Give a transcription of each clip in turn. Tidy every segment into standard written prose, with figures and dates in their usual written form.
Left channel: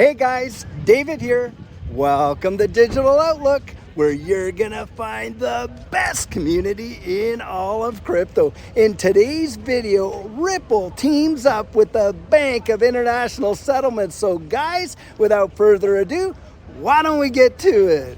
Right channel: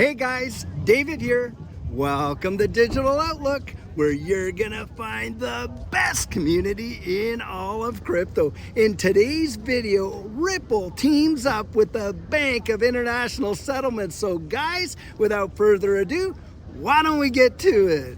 Hey guys, David here. Welcome to Digital Outlook, where you're gonna find the best community in all of crypto. In today's video, Ripple teams up with the Bank of International Settlements. So guys, without further ado, why don't we get to it?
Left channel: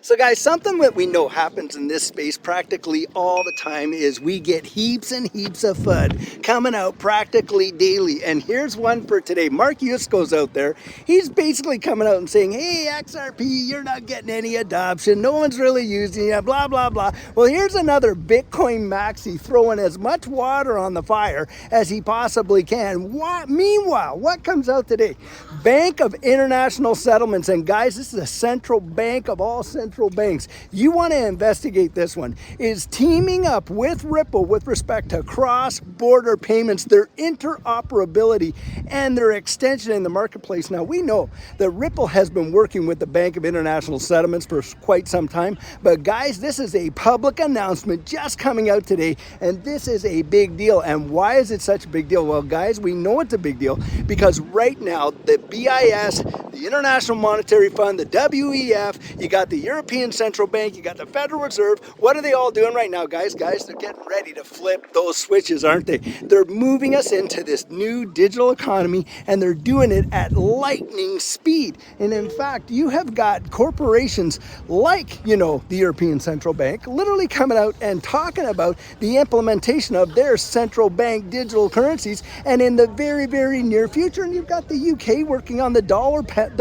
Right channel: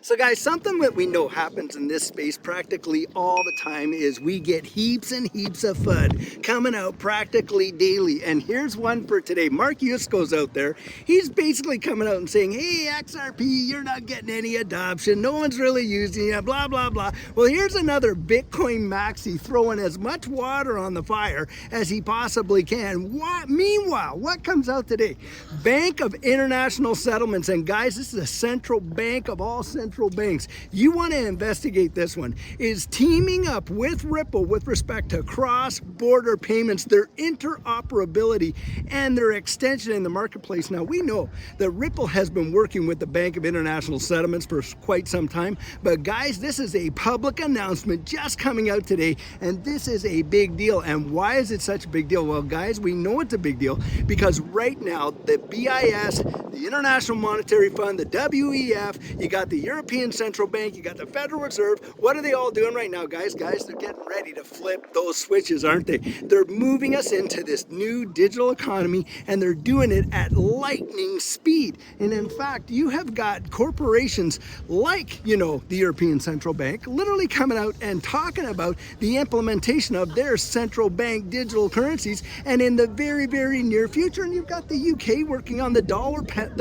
So guys, something that we know happens in this space practically all the time is we get heaps and heaps of FUD coming out practically daily. And here's one for today. Mark Yusko's out there. He's basically coming out and saying, hey, XRP, you're not getting any adoption. No one's really using it, blah, blah, blah. Well, here's another Bitcoin maxi throwing as much water on the fire as he possibly can. Meanwhile, what comes out today? Bank of International Settlements. And guys, this is a central bank of all central banks. You want to investigate this one, is teaming up with Ripple with respect to cross-border payments, their interoperability, and their extension in the marketplace. Now, we know that Ripple has been working with the Bank of International Settlements for quite some time, but guys, this is a public announcement just coming out today, and this is a big deal. And why is it such a big deal? Well, guys, we know it's a big deal because right now, the BIS, the International Monetary Fund, the WEF, you got the European Central Bank, you got the Federal Reserve. What are they all doing right now, guys? Guys, they're getting ready to flip those switches, aren't they? They're moving us into this new digital economy, and they're doing it at lightning speed. And in fact, you have got corporations like, the European Central Bank literally coming out and talking about the implementation of their central bank digital currencies, and in the very, very near future. And you've got the UK working on the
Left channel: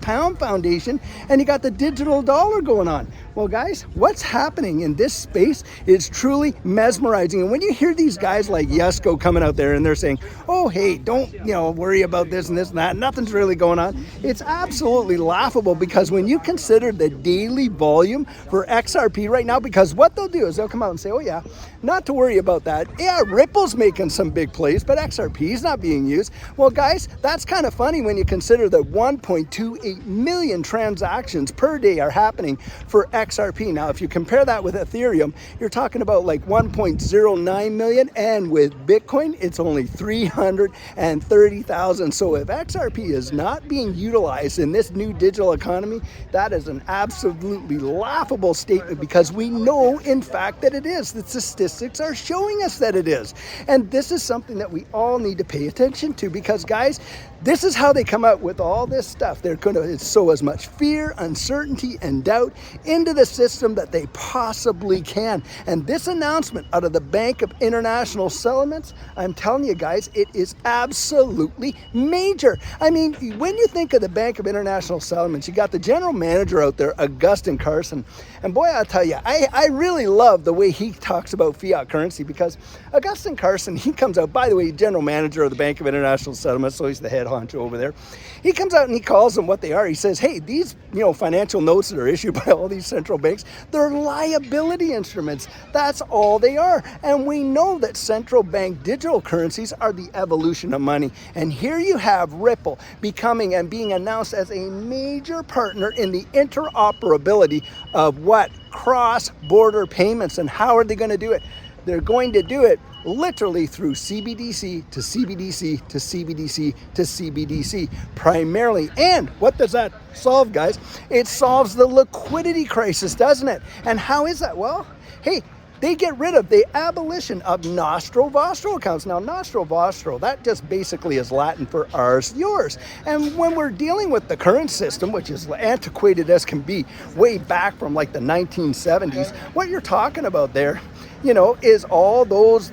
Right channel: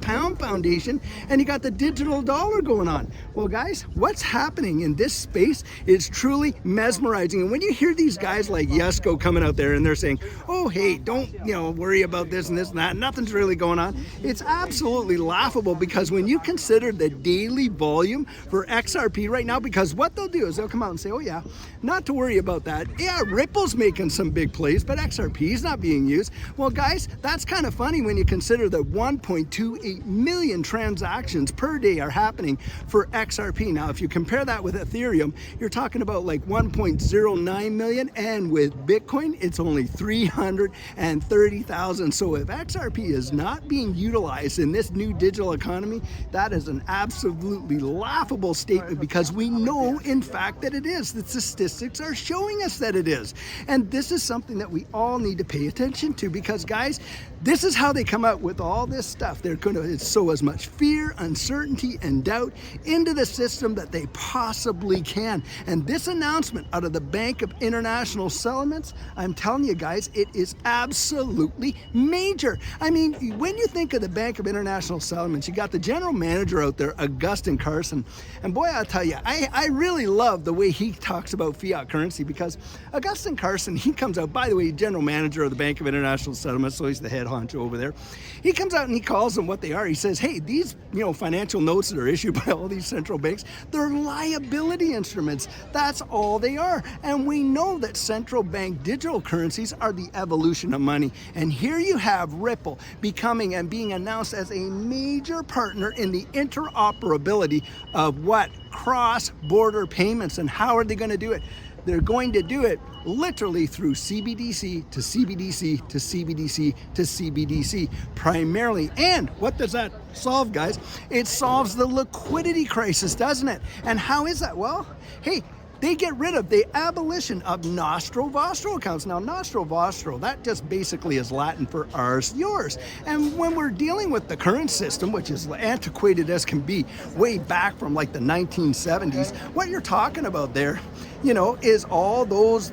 pound foundation, and you got the digital dollar going on. Well, guys, what's happening in this space is truly mesmerizing. And when you hear these guys like Yusko coming out there and they're saying, oh, hey, don't, worry about this and this and that, nothing's really going on, it's absolutely laughable, because when you consider the daily volume for XRP right now, because what they'll do is they'll come out and say, oh yeah, not to worry about that. Yeah, Ripple's making some big plays, but XRP is not being used. Well, guys, that's kind of funny when you consider that 1.28 million transactions per day are happening for XRP. Now, if you compare that with Ethereum, you're talking about like 1.09 million, and with Bitcoin, it's only 330,000. So if XRP is not being utilized in this new digital economy, that is an absolutely laughable statement, because we know, in fact, that it is. The statistics are showing us that it is. And this is something that we all need to pay attention to, because, guys, this is how they come out with all this stuff. They're going to sow as much fear, uncertainty, and doubt into the system that they possibly can. And this announcement out of the Bank of International Settlements, I'm telling you guys, it is absolutely major. I mean, when you think of the Bank of International Settlements, you got the general manager out there, Augustin Carson. And boy, I'll tell you, I really love the way he talks about fiat currency, because Augustin Carson, he comes out, by the way, general manager of the Bank of International Settlements, so he's the head honcho over there. He comes out and he calls them what they are. He says, hey, these financial notes that are issued by all these central banks, they're liability instruments. That's all they are. And we know that central bank digital currencies are the evolution of money. And here you have Ripple becoming and being announced as a major partner in the interoperability of what? Cross-border payments. And how are they going to do it? They're going to do it literally through CBDC to CBDC to CBDC to CBDC primarily. And what does that solve, guys? It solves the liquidity crisis, doesn't it? And how is that? Well, hey, they get rid of the abolition of nostro vostro accounts. Now, nostro vostro, that just basically is Latin for ours, yours. And when we're dealing with the current system, which is antiquated as can be, way back from like the 1970s, what you're talking about there, is all those,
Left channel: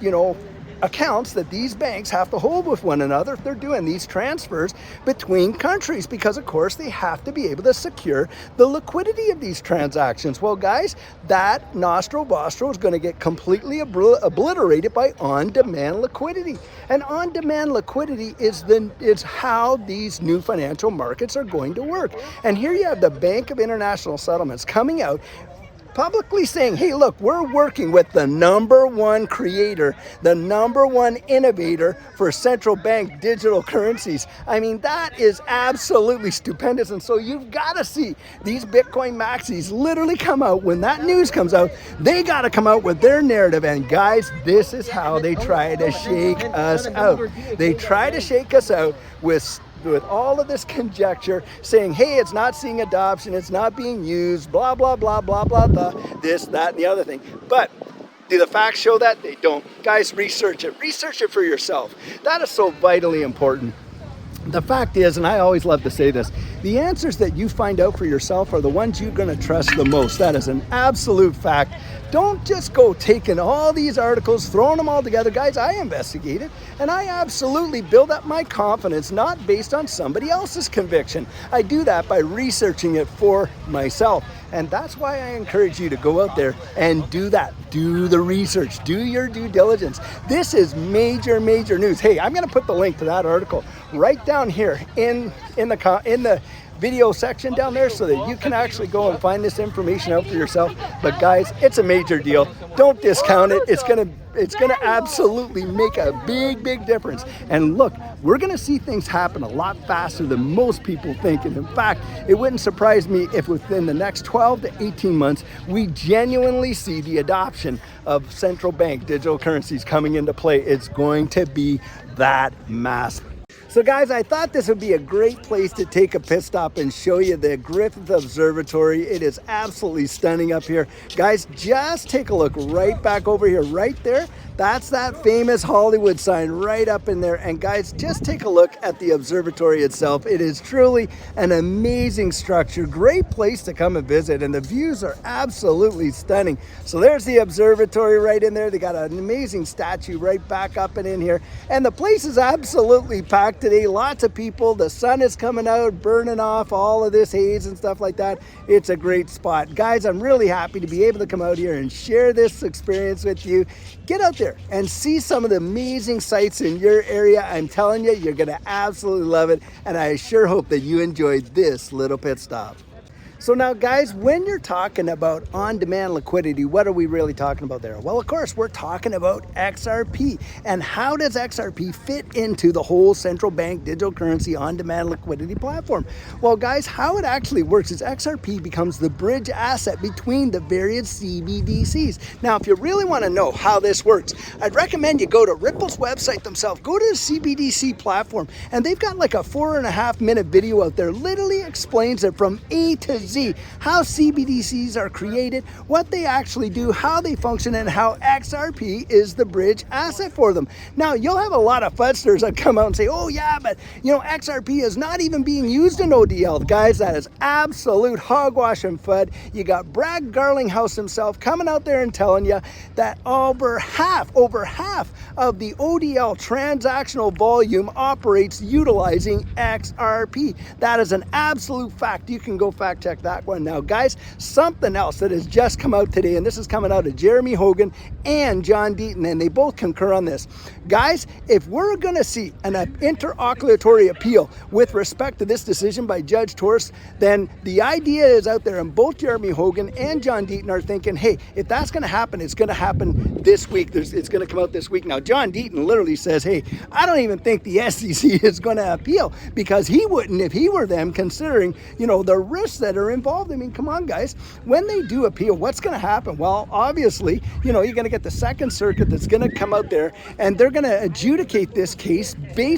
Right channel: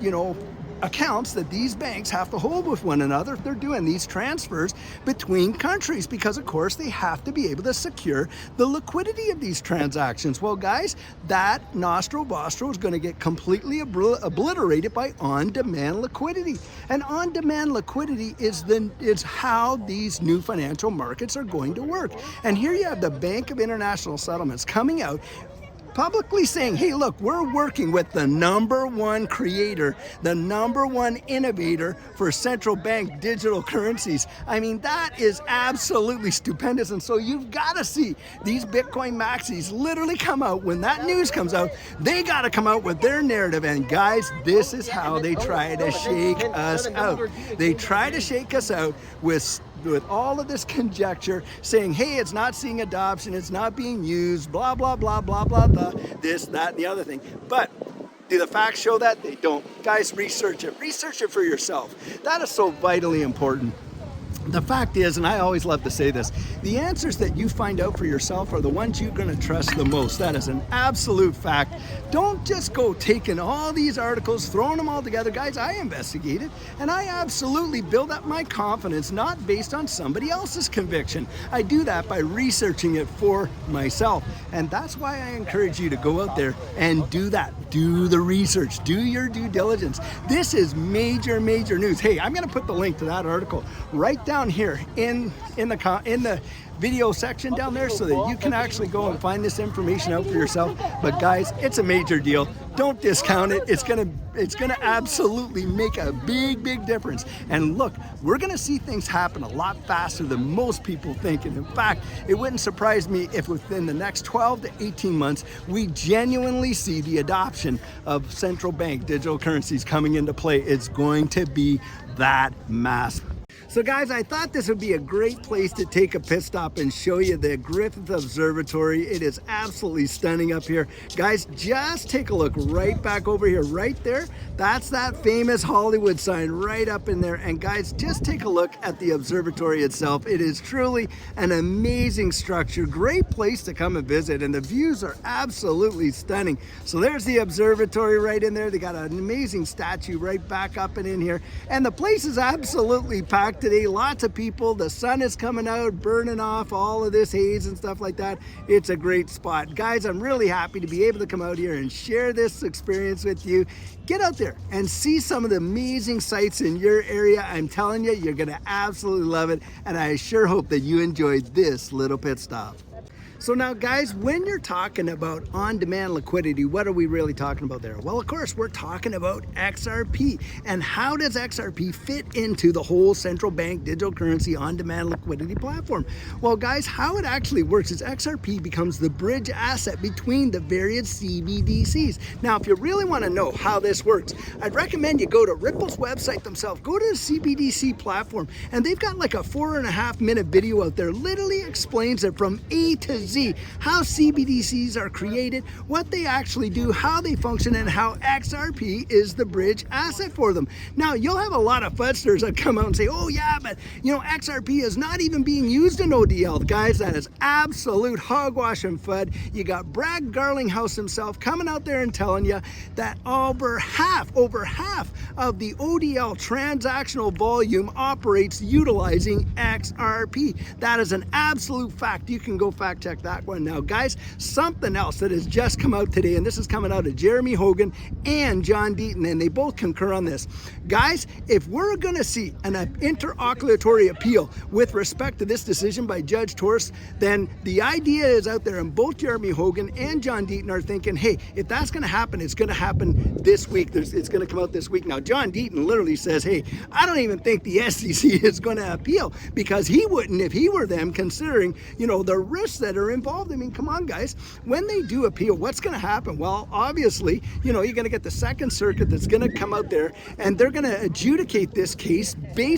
accounts that these banks have to hold with one another if they're doing these transfers between countries, because of course they have to be able to secure the liquidity of these transactions. Well, guys, that nostro vostro is going to get completely obliterated by on-demand liquidity. And on-demand liquidity is how these new financial markets are going to work. And here you have the Bank of International Settlements coming out publicly saying, hey, look, we're working with the #1 creator, the #1 innovator for central bank digital currencies. I mean, that is absolutely stupendous. And so you've got to see these Bitcoin maxis literally come out. When that news comes out, they got to come out with their narrative. And guys, this is how they try to shake us out. They try to shake us out with all of this conjecture, saying, hey, it's not seeing adoption, it's not being used, blah, blah, blah, blah, blah, blah, this, that, and the other thing. But do the facts show that? They don't. Guys, research it. Research it for yourself. That is so vitally important. The fact is, and I always love to say this, the answers that you find out for yourself are the ones you're going to trust the most. That is an absolute fact. Don't just go taking all these articles, throwing them all together. Guys, I investigated, and I absolutely build up my confidence, not based on somebody else's conviction. I do that by researching it for myself. And that's why I encourage you to go out there and do that. Do the research. Do your due diligence. This is major, major news. Hey, I'm going to put the link to that article right down here in the video section down there so that you can actually go and find this information out for yourself. But guys, it's a major deal. Don't discount it. It's gonna absolutely make a big, big difference. And look, we're gonna see things happen a lot faster than most people think. And in fact, it wouldn't surprise me if within the next 12 to 18 months, we genuinely see the adoption of central bank digital currencies coming into play. It's going to be that massive. So guys, I thought this would be a great place to take a pit stop and show you the Griffith Observatory. It is absolutely stunning up here. Guys, just take a look right back over here, right there. That's that famous Hollywood sign right up in there. And guys, just take a look at the observatory itself. It is truly an amazing structure, great place to come and visit, and the views are absolutely stunning. So there's the observatory right in there. They got an amazing statue right back up and in here. And the place is absolutely packed today. Lots of people. The sun is coming out, burning off all of this haze and stuff like that. It's a great spot. Guys, I'm really happy to be able to come out here and share this experience with you. Get out there and see some of the amazing sights in your area. I'm telling you, you're going to absolutely love it. And I sure hope that you enjoyed this little pit stop. So now guys, when you're talking about on-demand liquidity, what are we really talking about there? Well, of course, we're talking about XRP. And how does XRP fit into the whole central bank digital currency on-demand liquidity platform? Well, guys, how it actually works is XRP becomes the bridge asset between the various CBDCs. Now, if you really want to know how this works, I'd recommend you go to Ripple's website themselves, go to the CBDC platform, and they've got like a 4.5-minute video out there, literally explains it from A to Z. How CBDCs are created, what they actually do, how they function, and how XRP is the bridge asset for them. Now, you'll have a lot of fuzzers that come out and say, oh yeah, but you know, XRP is not even being used in ODL. Guys, that is absolute hogwash and FUD. You got Brad Garlinghouse himself coming out there and telling you that over half of the ODL transactional volume operates utilizing XRP. That is an absolute fact. You can go fact check that one. Now guys, something else that has just come out today, and this is coming out of Jeremy Hogan and John Deaton, and they both concur on this. Guys, if we're going to see an interlocutory appeal with respect to this decision by Judge Torres, then the idea is out there, and both Jeremy Hogan and John Deaton are thinking, hey, if that's going to happen, it's going to happen this week. It's going to come out this week. Now, John Deaton literally says, hey, I don't even think the SEC is going to appeal, because he wouldn't if he were them, considering, you know, the risks that are involved. I mean, come on, guys. When they do appeal, what's going to happen? Well, obviously, you know, you're going to get the Second Circuit that's going to come out there, and they're going to adjudicate this case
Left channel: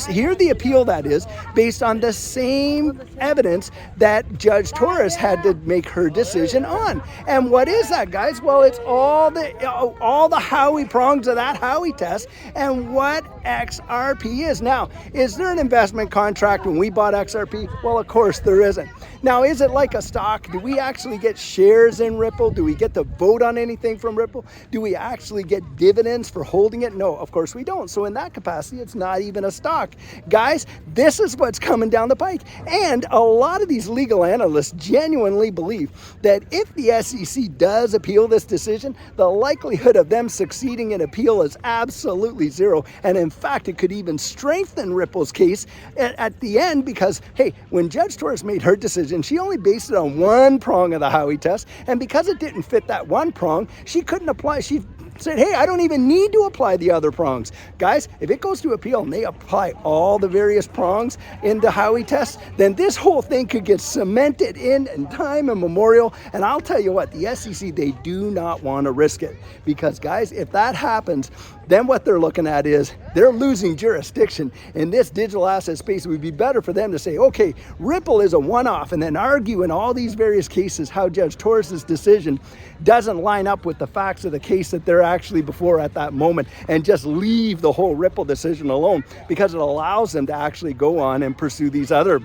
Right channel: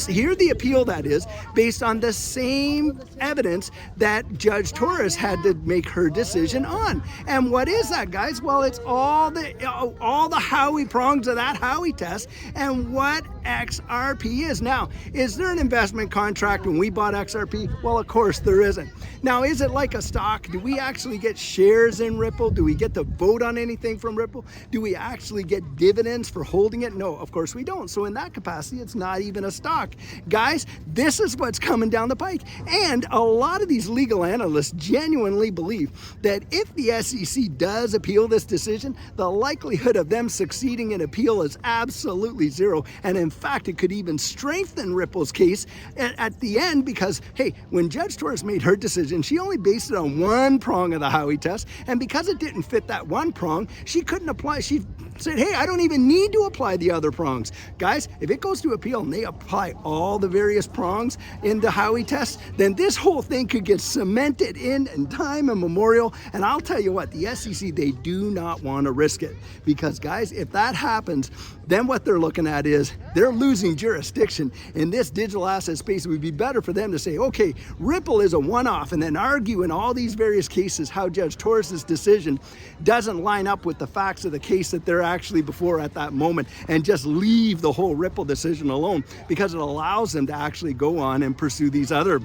hear the appeal, that is, based on the same evidence that Judge Torres had to make her decision on. And what is that, guys? Well, it's all the Howey prongs of that Howey test and what XRP is. Now, is there an investment contract when we bought XRP? Well, of course there isn't. Now, is it like a stock? Do we actually get shares in Ripple? Do we get to vote on anything from Ripple? Do we actually get dividends for holding it? No, of course we don't. So in that capacity, it's not even a stock. Guys, this is what's coming down the pike. And a lot of these legal analysts genuinely believe that if the SEC does appeal this decision, the likelihood of them succeeding in appeal is absolutely zero. And in fact, it could even strengthen Ripple's case at the end, because, hey, when Judge Torres made her decision, decision. She only based it on one prong of the Howey test, and because it didn't fit that one prong, she couldn't apply. She said, hey, I don't even need to apply the other prongs. Guys, if it goes to appeal and they apply all the various prongs in the Howey test, then this whole thing could get cemented in time immemorial. And I'll tell you what, the SEC, they do not want to risk it, because guys, if that happens, then what they're looking at is they're losing jurisdiction in this digital asset space. It would be better for them to say, okay, Ripple is a one-off, and then argue in all these various cases how Judge Torres's decision doesn't line up with the facts of the case that they're actually before at that moment, and just leave the whole Ripple decision alone, because it allows them to actually go on and pursue these other,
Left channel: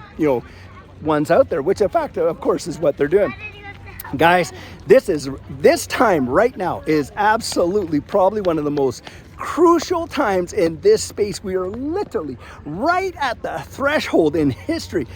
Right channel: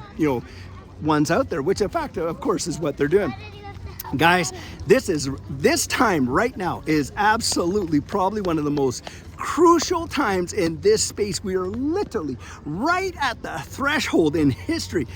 ones out there, which in fact, of course, is what they're doing. Guys, this time right now is absolutely probably one of the most crucial times in this space. We are literally right at the threshold in history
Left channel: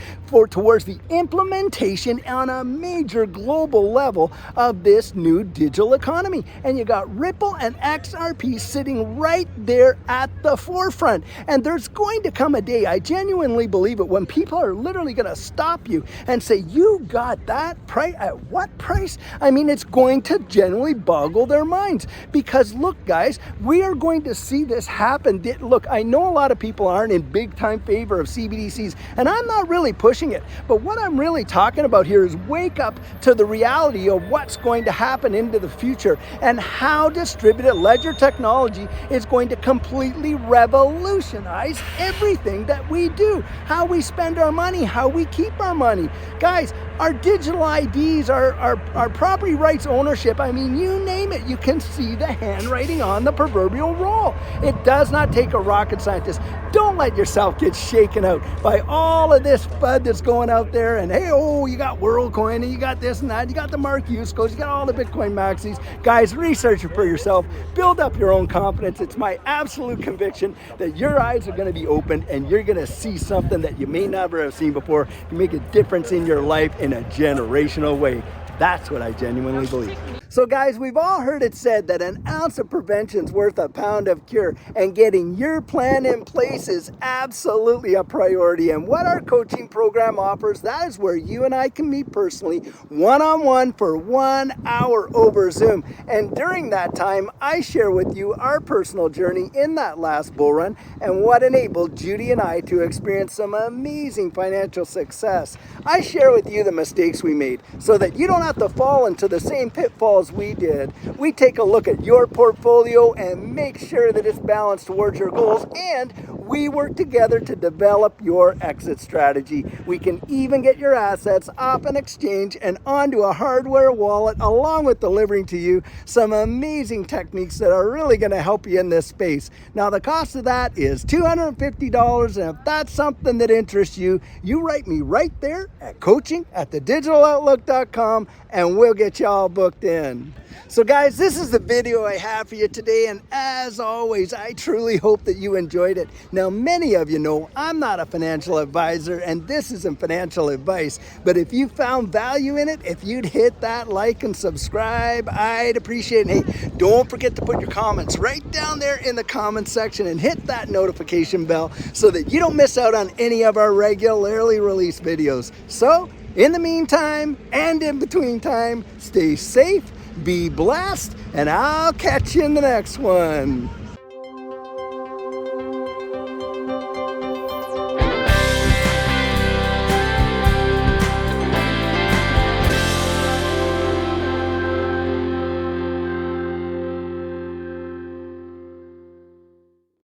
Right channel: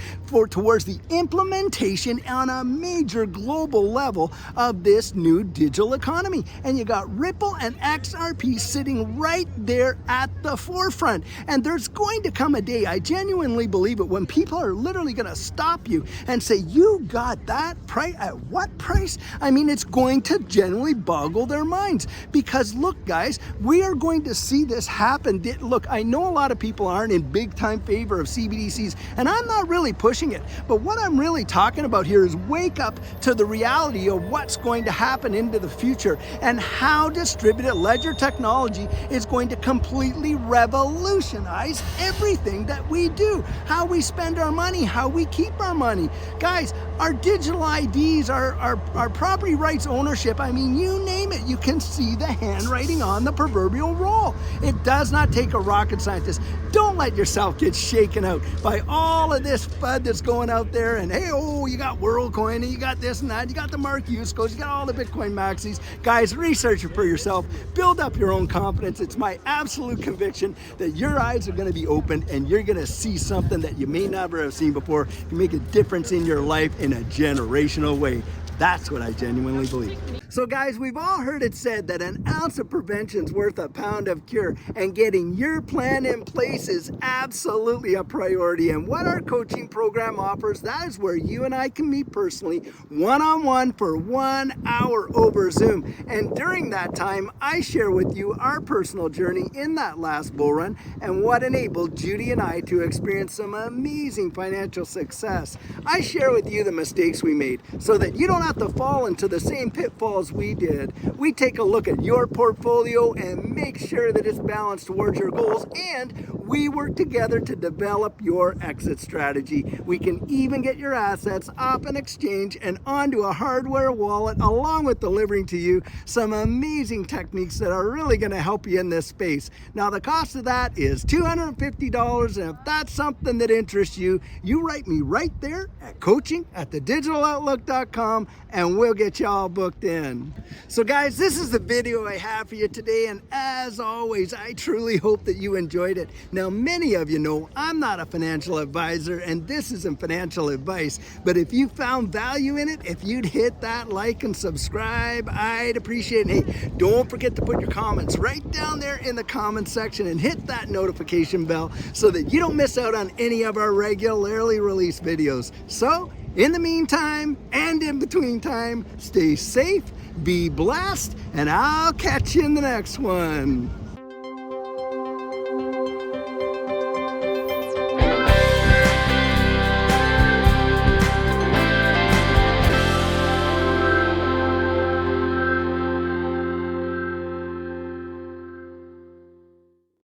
towards the implementation on a major global level of this new digital economy. And you got Ripple and XRP sitting right there at the forefront. And there's going to come a day, I genuinely believe it, when people are literally going to stop you and say, you got that price? At what price? I mean, it's going to genuinely boggle their minds, because look, guys, we are going to see this happen. Look, I know a lot of people aren't in big time favor of CBDCs, and I'm not really pushing it, but what I'm really talking about here is wake up to the reality of what's going to happen into the future, and how distributed ledger technology is going to completely revolutionize everything that we do, how we spend our money, how we keep our money. Guys, our digital IDs, our property rights ownership, I mean, you name it, you can see the handwriting on the proverbial wall. It does not take a rocket scientist. Don't let yourself get shaken out by all of this FUD that's going out there. And hey, you got WorldCoin, and you got this and that, you got the Mark Use codes, you got all the Bitcoin maxis. Guys, research it for yourself. Build up your own confidence. It's my absolute conviction that your eyes are going to be opened, and you're going to see something that you may never have seen before. You make a difference in your life in a generational way. That's what I genuinely believe. So guys, we've all heard it said that an ounce of prevention's worth a pound of cure, and getting your plan in place is absolutely a priority. And what our coaching program offers, that is where you and I can meet personally, one-on-one for 1 hour over Zoom. And during that time, I share with you our personal journey in that last bull run, and what enabled Judy and I to experience some amazing financial success. I share with you the mistakes we made so that you don't have to fall into the same pitfalls we did. We take a look at your portfolio and make sure that it's balanced towards your goals, and we work together to develop your exit strategy. We can even get your assets off an exchange and onto a hardware wallet, along with delivering to you some amazing techniques that are really going to help you in this space. Now, the cost of that is $250, and if that's something that interests you, you write me right there at coaching@thedigitaloutlook.com, and we'll get you all booked in. So guys, this is the video I have for you today, and as always, I truly hope that you enjoyed it. Now, many of you know I'm not a financial advisor, and this isn't financial advice, but if you found value in it, if you'd hit that like and subscribe, I'd appreciate it. Hey, don't forget to put your comments right down there in the comments section, and hit that notification bell so that you don't miss out on any of our regularly released videos. So, in the meantime, and in between time, stay safe, be blessed, and I'll catch you in the next one.